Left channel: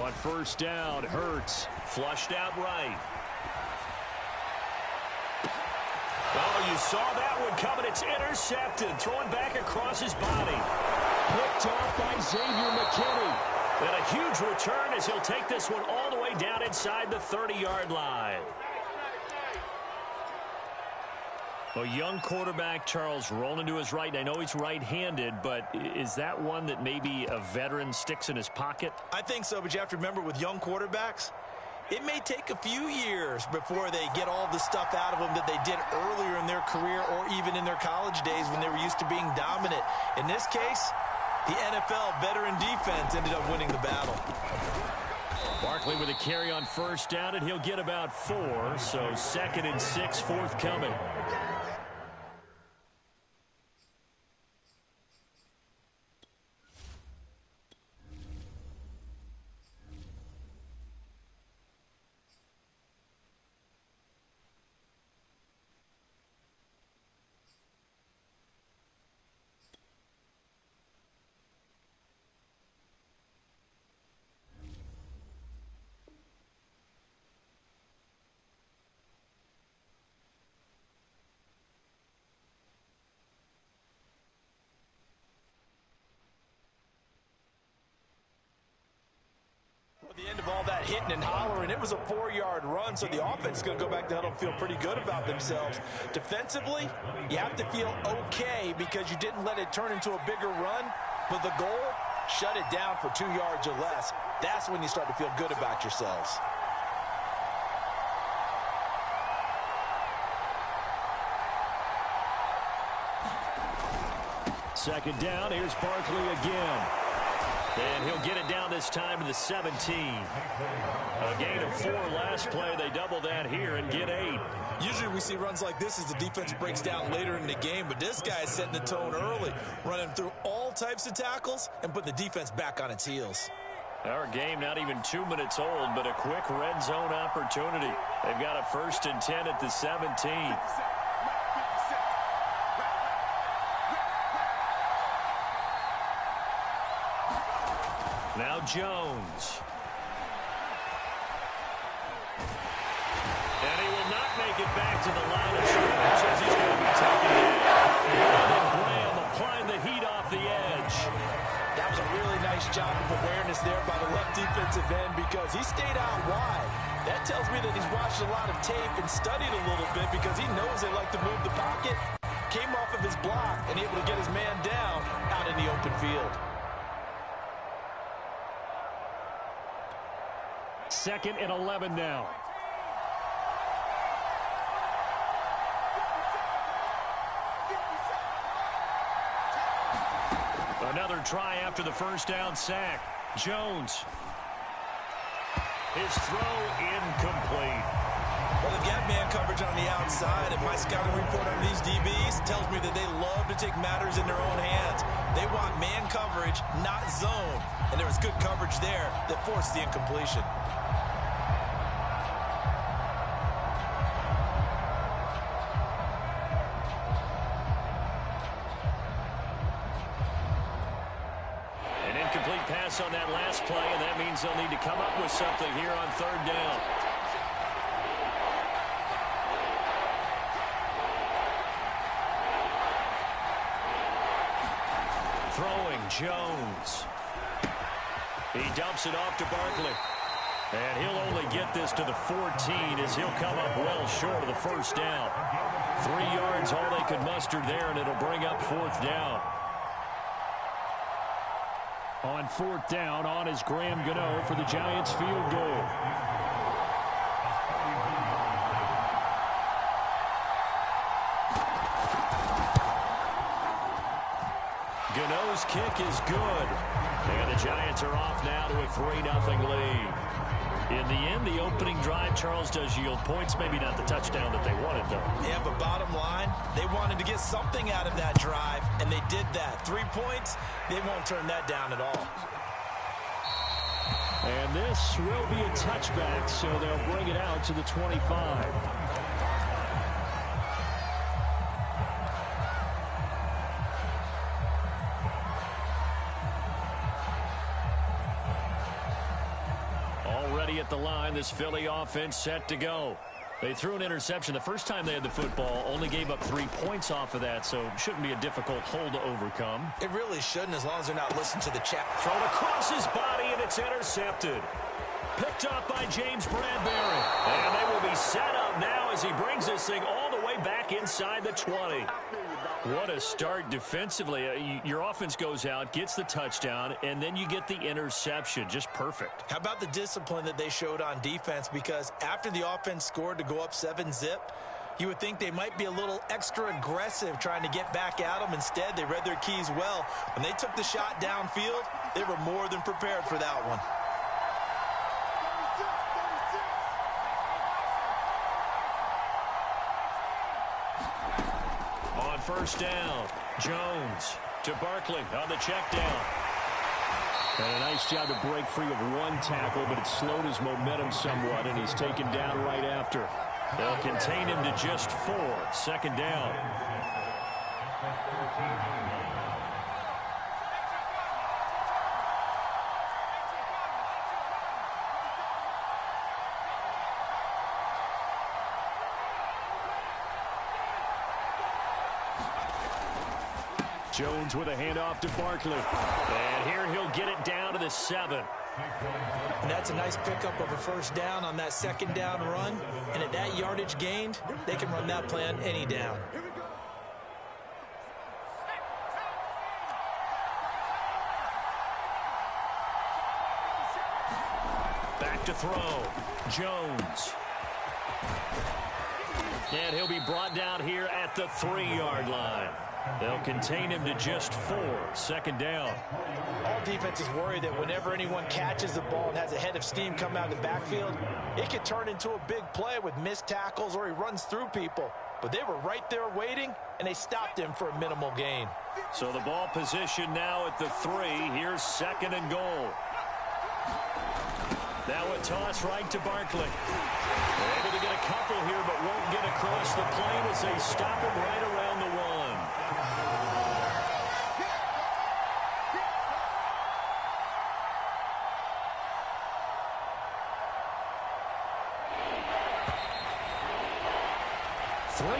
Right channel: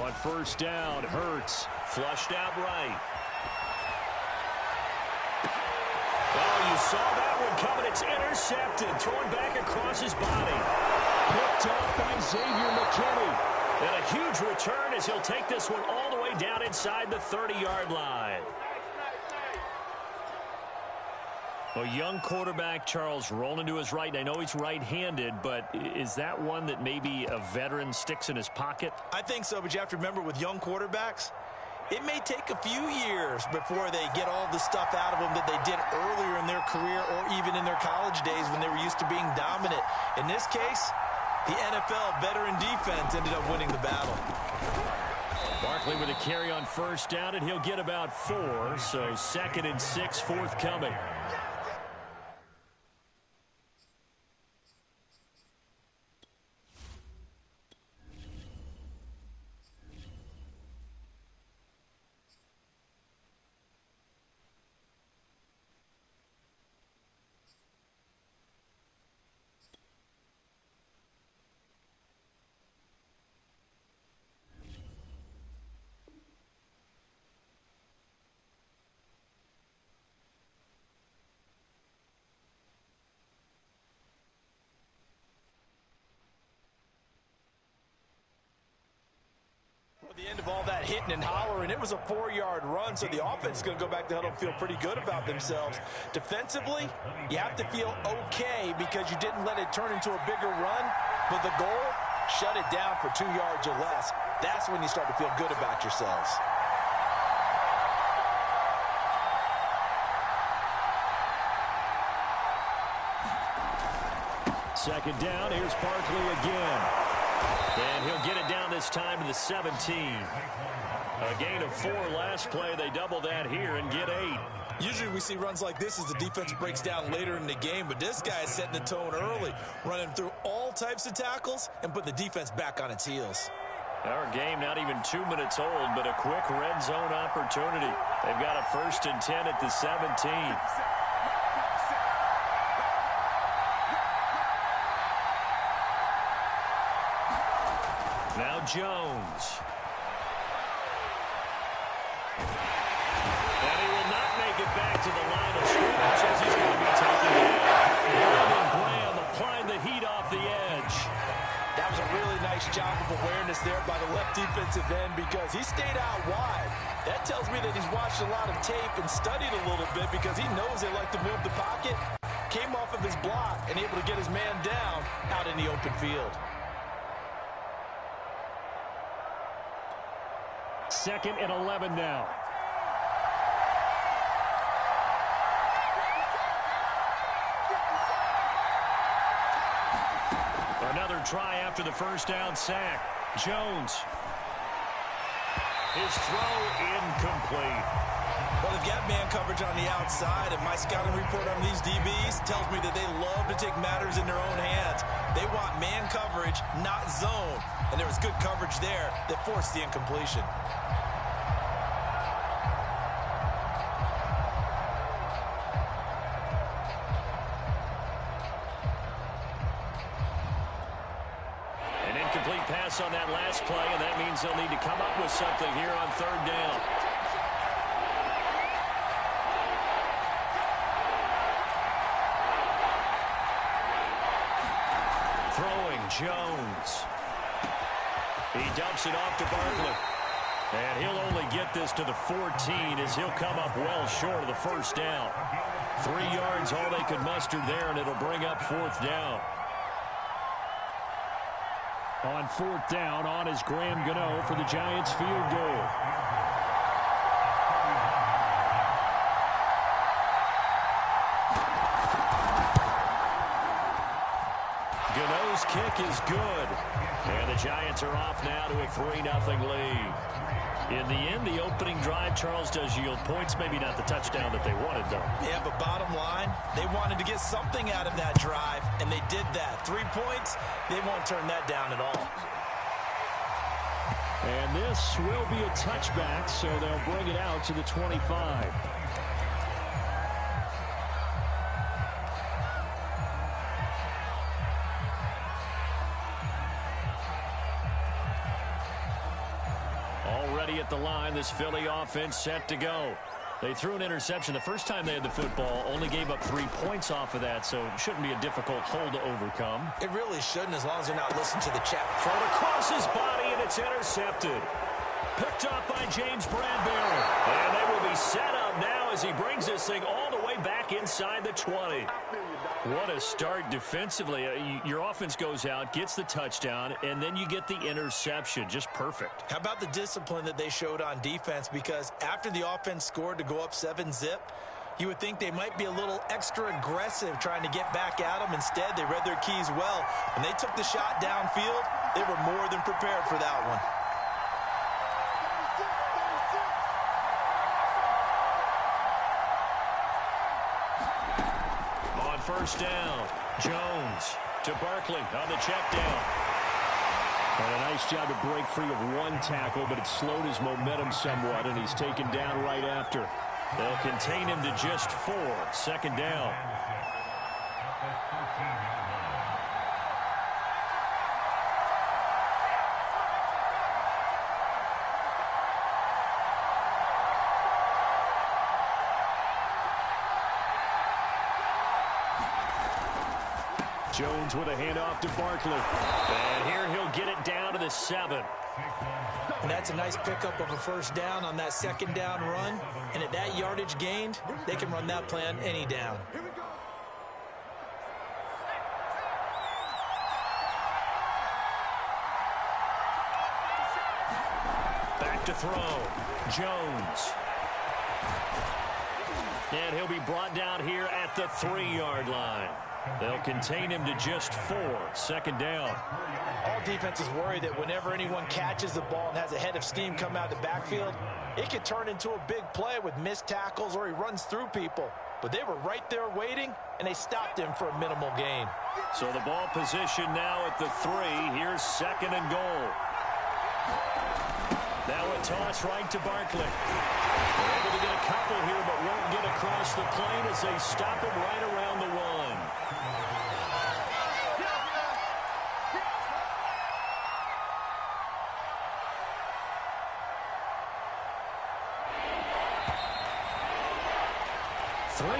On first down, Hurts. Flushed out right. Oh, you saw that one coming. It's intercepted. Throwing back across his body. Picked off by Xavier McKinney. And a huge return as he'll take this one all the way down inside the 30-yard line. A young quarterback, Charles, rolling to his right. And I know he's right-handed, but is that one that maybe a veteran sticks in his pocket? I think so, but you have to remember with young quarterbacks, it may take a few years before they get all the stuff out of them that they did earlier in their career or even in their college days when they were used to being dominant. In this case, the NFL veteran defense ended up winning the battle. Barkley with a carry on first down, and he'll get about 4, so 2nd and 6 forthcoming. At the end of all that hitting and hollering, it was a 4-yard run, so the offense is going to go back to huddle and feel pretty good about themselves. Defensively, you have to feel okay because you didn't let it turn into a bigger run, but the goal, shut it down for 2 yards or less. That's when you start to feel good about yourselves. Second down, here's Barkley again. And he'll get it down this time to the 17. A gain of 4 last play. They double that here and get 8. Usually we see runs like this as the defense breaks down later in the game, but this guy is setting the tone early, running through all types of tackles and put the defense back on its heels. Our game not even 2 minutes old, but a quick red zone opportunity. They've got a 1st and 10 at the 17. Now Jones. And he will not make it back to the line of scrimmage as he's going to be taken down. And Graham applying the heat off the edge. That was a really nice job of awareness there by the left defensive end because he stayed out wide. That tells me that he's watched a lot of tape and studied a little bit because he knows they like to move the pocket. Came off of his block and able to get his man down out in the open field. 2nd and 11 now. Another try after the first down sack. Jones. His throw incomplete. Well, they've got man coverage on the outside, and my scouting report on these DBs tells me that they love to take matters in their own hands. They want man coverage, not zone. And there was good coverage there that forced the incompletion. An incomplete pass on that last play, and that means they'll need to come up with something here on 3rd down. Throwing Jones. He dumps it off to Barkley. And he'll only get this to the 14 as he'll come up well short of the 1st down. 3 yards all they could muster there, and it'll bring up 4th down. On 4th down, on is Graham Gano for the Giants field goal. Gano's kick is good. And the Giants are off now to a 3-0 lead. In the end, the opening drive, Charles, does yield points. Maybe not the touchdown that they wanted, though. Yeah, but bottom line, they wanted to get something out of that drive, and they did that. 3 points, they won't turn that down at all. And this will be a touchback, so they'll bring it out to the 25. the line. This Philly offense set to go. They threw an interception the first time they had the football, only gave up 3 points off of that, so it shouldn't be a difficult hole to overcome. It really shouldn't, as long as they're not listening to the chat. Thrown across his body, and it's intercepted. Picked up by James Bradbury. And they will be set up now as he brings this thing all the way back inside the 20. What a start defensively. Your offense goes out, gets the touchdown, and then you get the interception. Just perfect. How about the discipline that they showed on defense? Because after the offense scored to go up 7-zip, you would think they might be a little extra aggressive trying to get back at them. Instead, they read their keys well. When they took the shot downfield, they were more than prepared for that one. On first down, Jones to Barkley on the check down. And a nice job to break free of one tackle, but it slowed his momentum somewhat, and he's taken down right after. They'll contain him to just 4. Second down. Jones with a handoff to Barkley. And here he'll get it down to the 7. And that's a nice pickup of a first down on that second down run. And at that yardage gained, they can run that play on any down. Back to throw. Jones. And he'll be brought down here at the 3-yard line. They'll contain him to just 4. Second down. All defenses worry that whenever anyone catches the ball and has a head of steam come out of the backfield, it could turn into a big play with missed tackles or he runs through people. But they were right there waiting, and they stopped him for a minimal gain. So the ball position now at the 3. Here's second and goal. Now a toss right to Barkley. They're able to get a couple here, but won't get across the plane as they stop him right around the 1.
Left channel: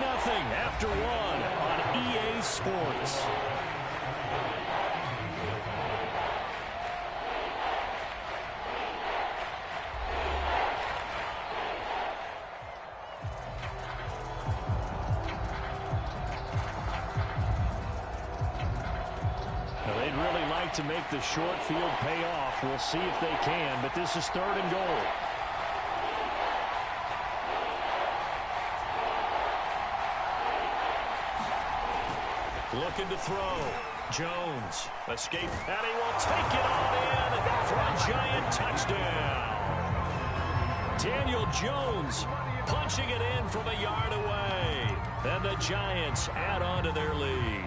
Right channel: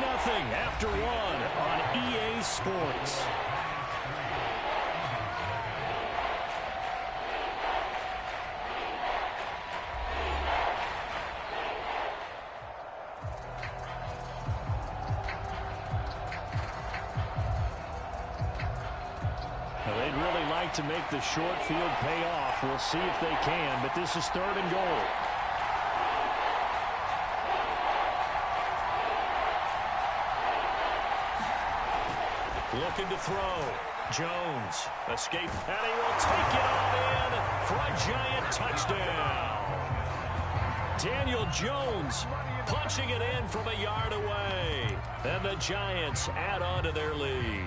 Nothing after 1 on EA Sports. Now, they'd really like to make the short field pay off. We'll see if they can, but this is third and goal. Looking to throw. Jones. Escape. And he will take it on in for a giant touchdown. Daniel Jones punching it in from a yard away. And the Giants add on to their lead.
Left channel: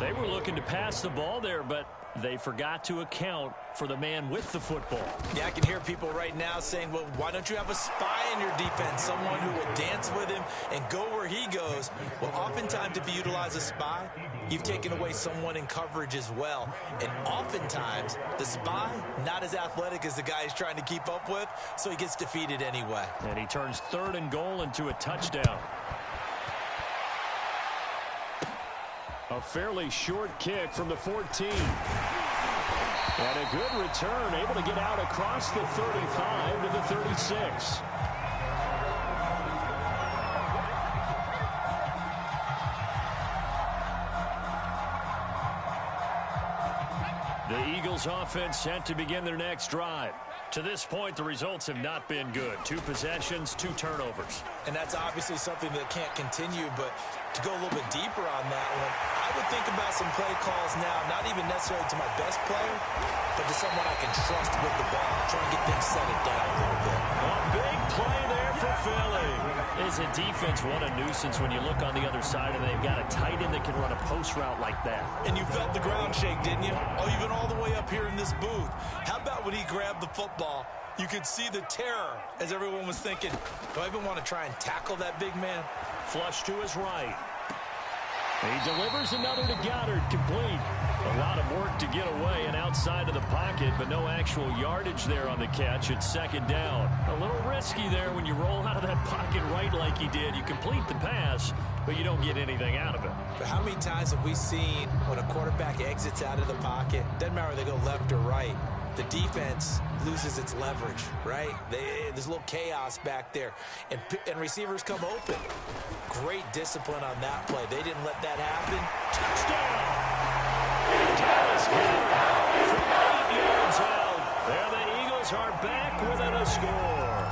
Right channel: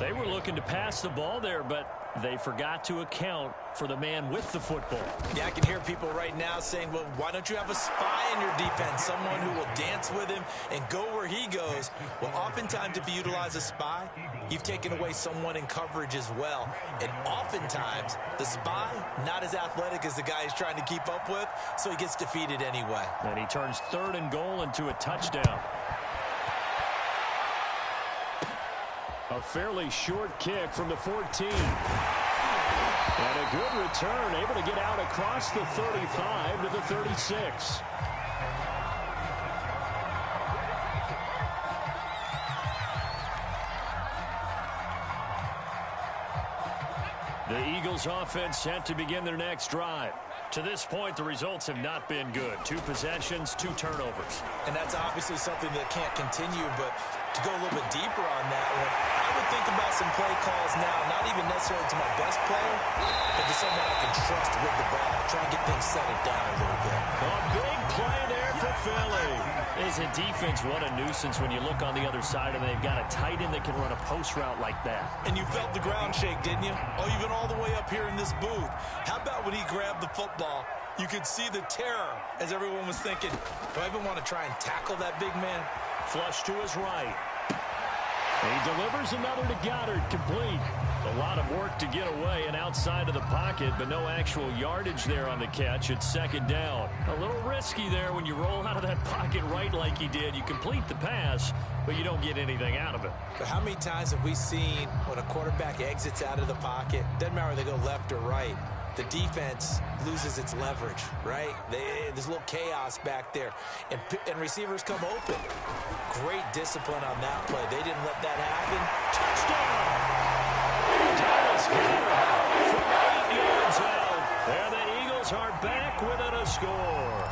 They were looking to pass the ball there, but they forgot to account for the man with the football. Yeah, I can hear people right now saying, well, why don't you have a spy in your defense, someone who will dance with him and go where he goes? Well, oftentimes if you utilize a spy, you've taken away someone in coverage as well. And oftentimes, the spy, not as athletic as the guy he's trying to keep up with, so he gets defeated anyway. And he turns third and goal into a touchdown. A fairly short kick from the 14. And a good return, able to get out across the 35 to the 36. The Eagles offense set to begin their next drive. To this point, the results have not been good. 2 possessions, 2 turnovers. And that's obviously something that can't continue, but to go a little bit deeper on that one, I would think about some play calls now, not even necessarily to my best player, but to someone I can trust with the ball. Try and get things settled down a little bit. A big play there for Philly. Is a defense, what a nuisance when you look on the other side and they've got a tight end that can run a post route like that. And you felt the ground shake, didn't you? Oh, you've been all the way up here in this booth. How about when he grabbed the football? You could see the terror as everyone was thinking, do I even want to try and tackle that big man? Flush to his right. He delivers another to Goddard, complete. A lot of work to get away and outside of the pocket, but no actual yardage there on the catch. It's second down. A little risky there when you roll out of that pocket right like he did. You complete the pass, but you don't get anything out of it. But how many times have we seen when a quarterback exits out of the pocket, doesn't matter whether they go left or right, the defense loses its leverage, right? There's a little chaos back there, and receivers come open. Great discipline on that play. They didn't let that happen. Touchdown! Dallas Goedert from 8 yards out. There the Eagles are back within a score.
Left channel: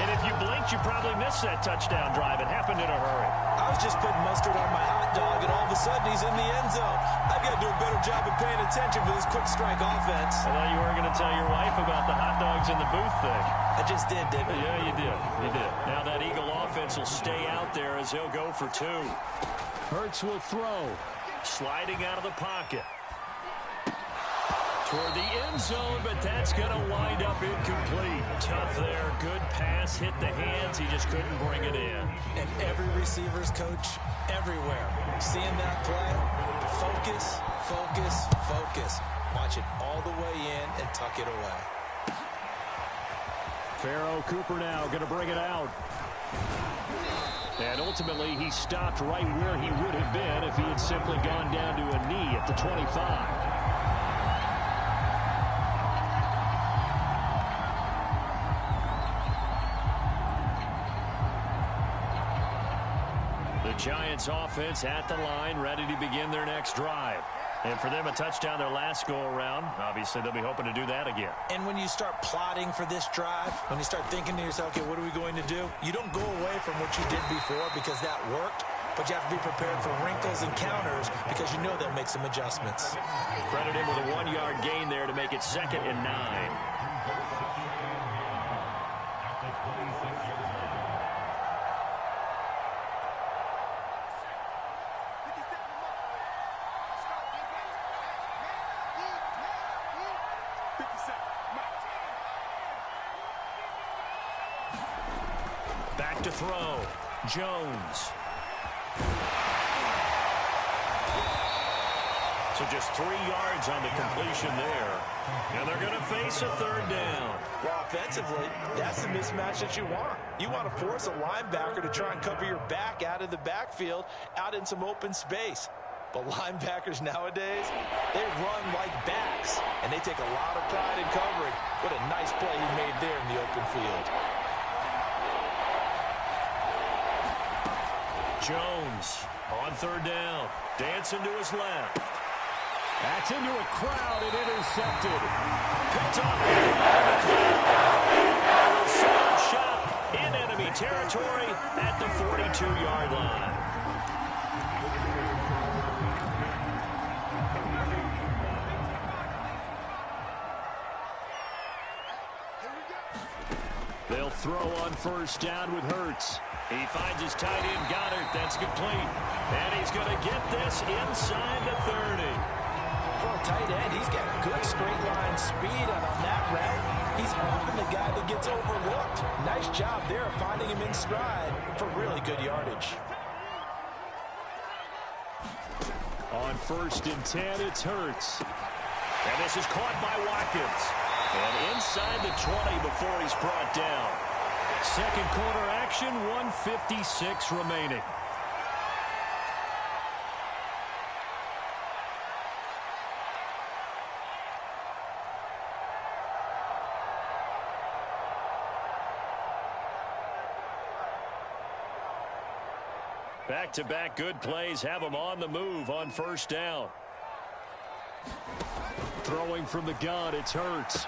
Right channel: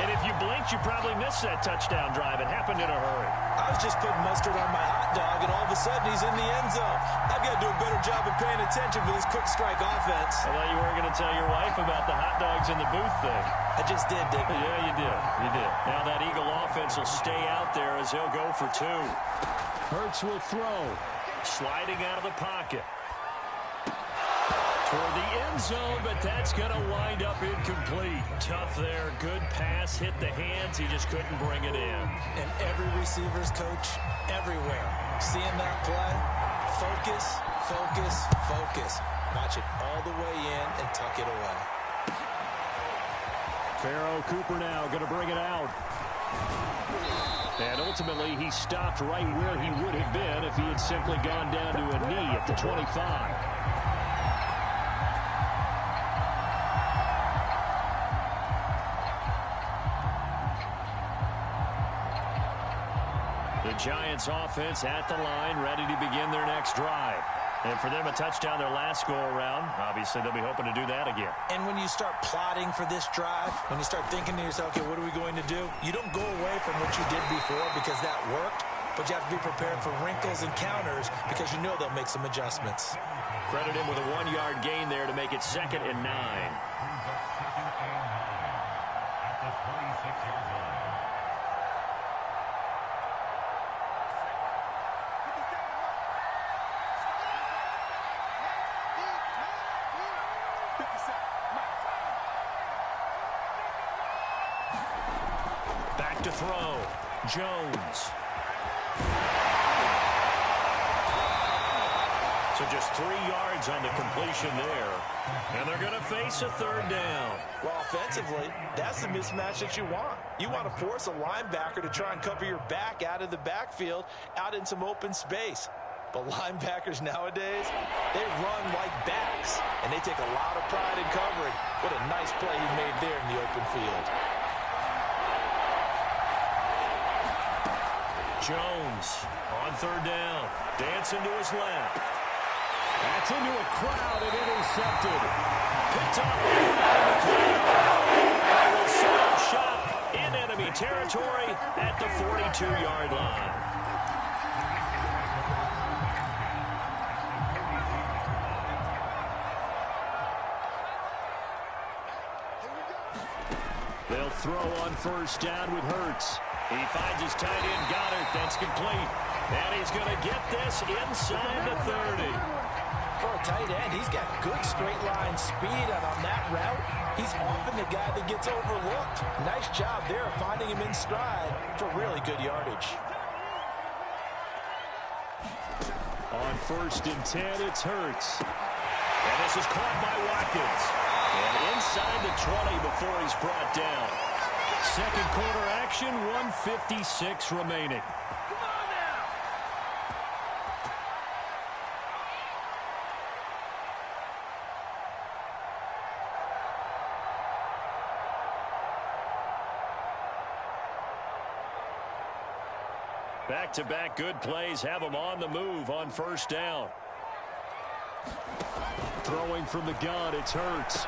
And if you blinked, you probably missed that touchdown drive. It happened in a hurry. I was just putting mustard on my hot dog, and all of a sudden he's in the end zone. I've got to do a better job of paying attention for this quick strike offense. I thought you weren't going to tell your wife about the hot dogs in the booth thing. I just did, didn't I? Yeah, you did. You did. Now that Eagle offense will stay out there as he'll go for 2. Hurts will throw. Sliding out of the pocket. Toward the end zone, but that's going to wind up incomplete. Tough there. Good pass. Hit the hands. He just couldn't bring it in. And every receiver's coach everywhere. Seeing that play, focus, focus, focus. Watch it all the way in and tuck it away. Pharaoh Cooper now going to bring it out. And ultimately, he stopped right where he would have been if he had simply gone down to a knee at the 25. The Giants offense at the line, ready to begin their next drive. And for them, a touchdown their last go-around. Obviously, they'll be hoping to do that again. And when you start plotting for this drive, when you start thinking to yourself, okay, what are we going to do? You don't go away from what you did before because that worked, but you have to be prepared for wrinkles and counters because you know they'll make some adjustments. Credit him with a 1-yard gain there to make it 2nd and 9. Back to throw. Jones. So just 3 yards on the completion there. And they're going to face a 3rd down. Well, offensively, that's the mismatch that you want. You want to force a linebacker to try and cover your back out of the backfield, out in some open space. But linebackers nowadays, they run like backs, and they take a lot of pride in covering. What a nice play he made there in the open field. Jones on 3rd down. Dancing to his left. That's into a crowd and intercepted. Picked up by McLeod. And will set up shop in enemy territory at the 42-yard line. They'll throw on 1st down with Hurts. He finds his tight end, Goddard. That's complete. And he's going to get this inside the 30. For a tight end, he's got good straight line speed, and on that route, he's often the guy that gets overlooked. Nice job there of finding him in stride for really good yardage. On 1st and 10, it's Hurts. And this is caught by Watkins. And inside the 20 before he's brought down. 2nd quarter action, 1:56 remaining. Back-to-back good plays have them on the move on 1st down. Throwing from the gun, it's Hurts.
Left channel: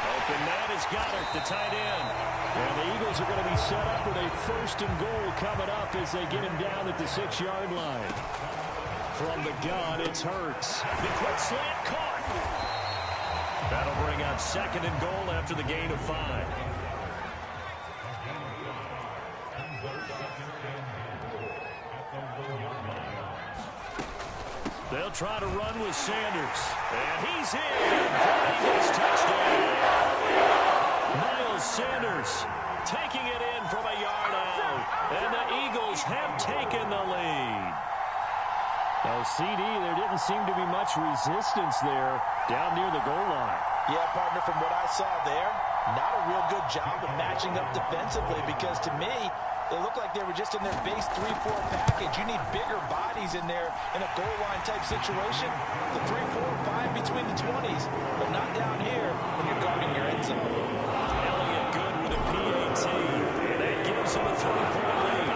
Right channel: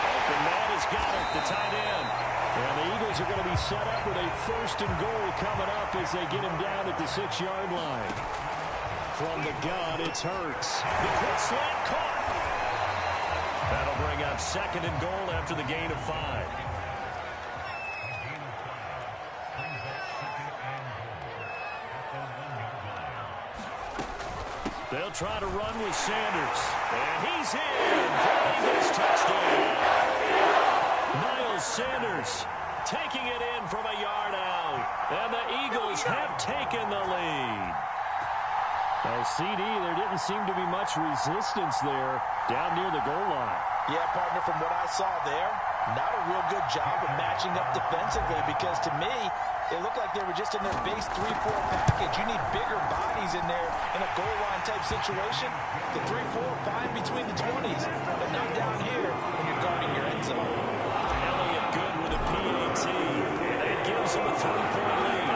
Open man is Goddard, the tight end. And the Eagles are going to be set up with a 1st and goal coming up as they get him down at the 6-yard line. From the gun, it's Hurts. The quick slant caught. That'll bring up 2nd and goal after the gain of 5. They'll try to run with Sanders. And he's in for an Eagles touchdown. Miles Sanders taking it in from a yard out. And the Eagles have taken the lead. Well, CD, there didn't seem to be much resistance there down near the goal line. Yeah, partner, from what I saw there, not a real good job of matching up defensively because to me, it looked like they were just in their base 3-4 package. You need bigger bodies in there in a goal line type situation. The 3-4, fine between the 20s, but not down here when you're guarding your end zone. Elliott good with a PAT, and that gives him a 3-point lead.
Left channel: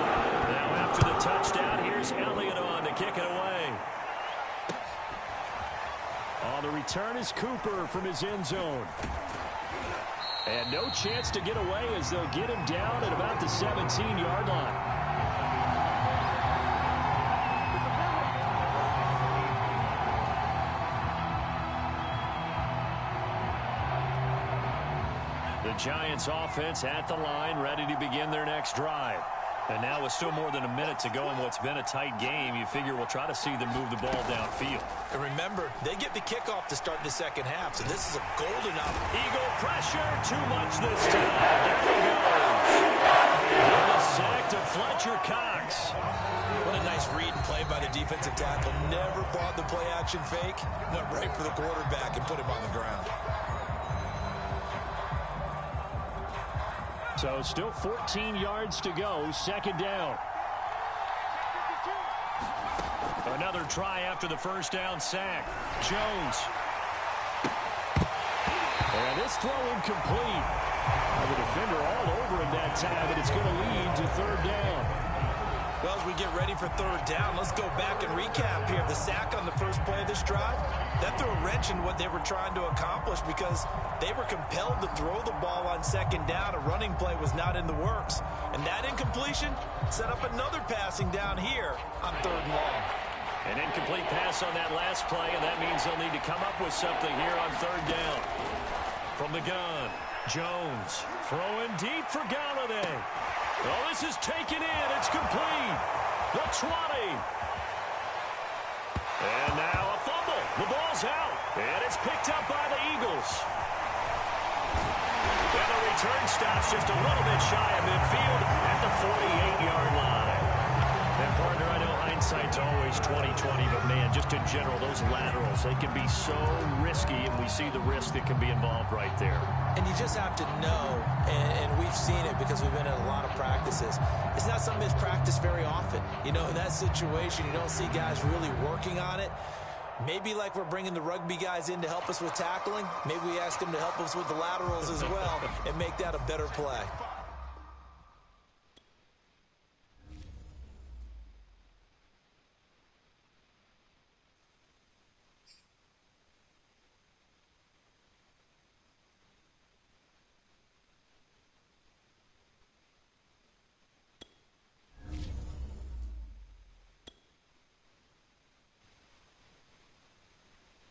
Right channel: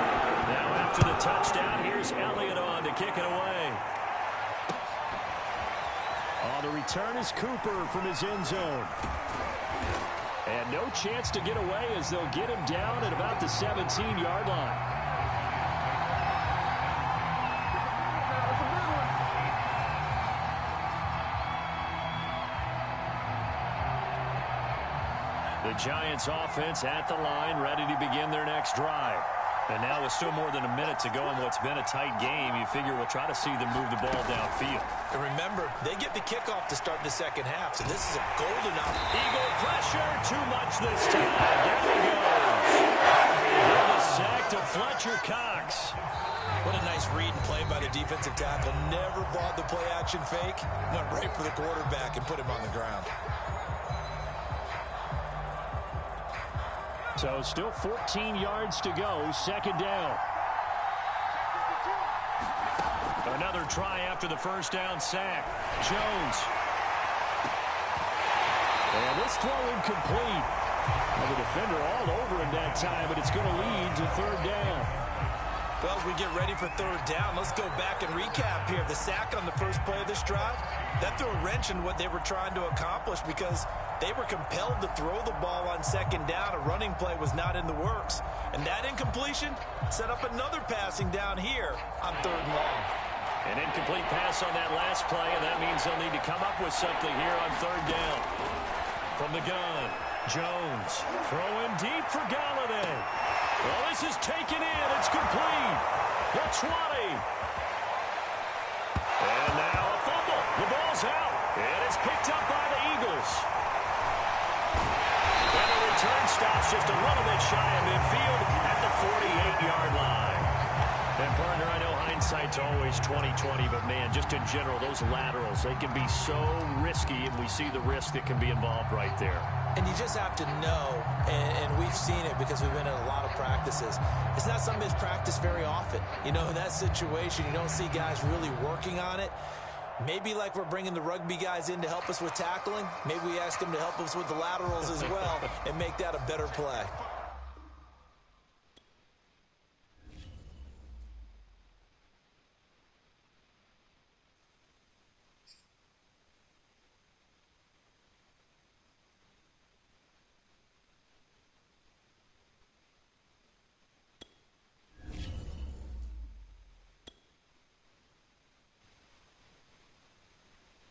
Now after the touchdown, here's Elliott on to kick it away. On the return is Cooper from his end zone. And no chance to get away as they'll get him down at about the 17-yard line. The Giants offense at the line, ready to begin their next drive. And now with still more than a minute to go in what's been a tight game, you figure we'll try to see them move the ball downfield. And remember, they get the kickoff to start the second half, so this is a golden opportunity. Eagle pressure, too much this time. Down he goes. And the sack to Fletcher Cox. What a nice read and play by the defensive tackle. Never bought the play-action fake. Went right for the quarterback and put him on the ground. So still 14 yards to go, second down. Another try after the first down sack. Jones. And this throw incomplete. And the defender all over him that time, but it's going to lead to third down. Well, as we get ready for third down, let's go back and recap here. The sack on the first play of this drive, that threw a wrench in what they were trying to accomplish because they were compelled to throw the ball on second down. A running play was not in the works. And that incompletion set up another passing down here on third and long. An incomplete pass on that last play, and that means they'll need to come up with something here on third down. From the gun, Jones throwing deep for Galladay. Well, this is taken in. It's complete. The 20. And now a fumble. The ball's out. And it's picked up by the Eagles. And the return stops just a little bit shy of midfield at the 48-yard line. And, partner, I know hindsight's always 20/20, but, man, just in general, those laterals, they can be so risky, and we see the risk that can be involved right there. And you just have to know, and we've seen it because we've been in a lot of practices, it's not something that's practiced very often. You know, in that situation, you don't see guys really working on it. Maybe like we're bringing the rugby guys in to help us with tackling, maybe we ask them to help us with the laterals as well and make that a better play.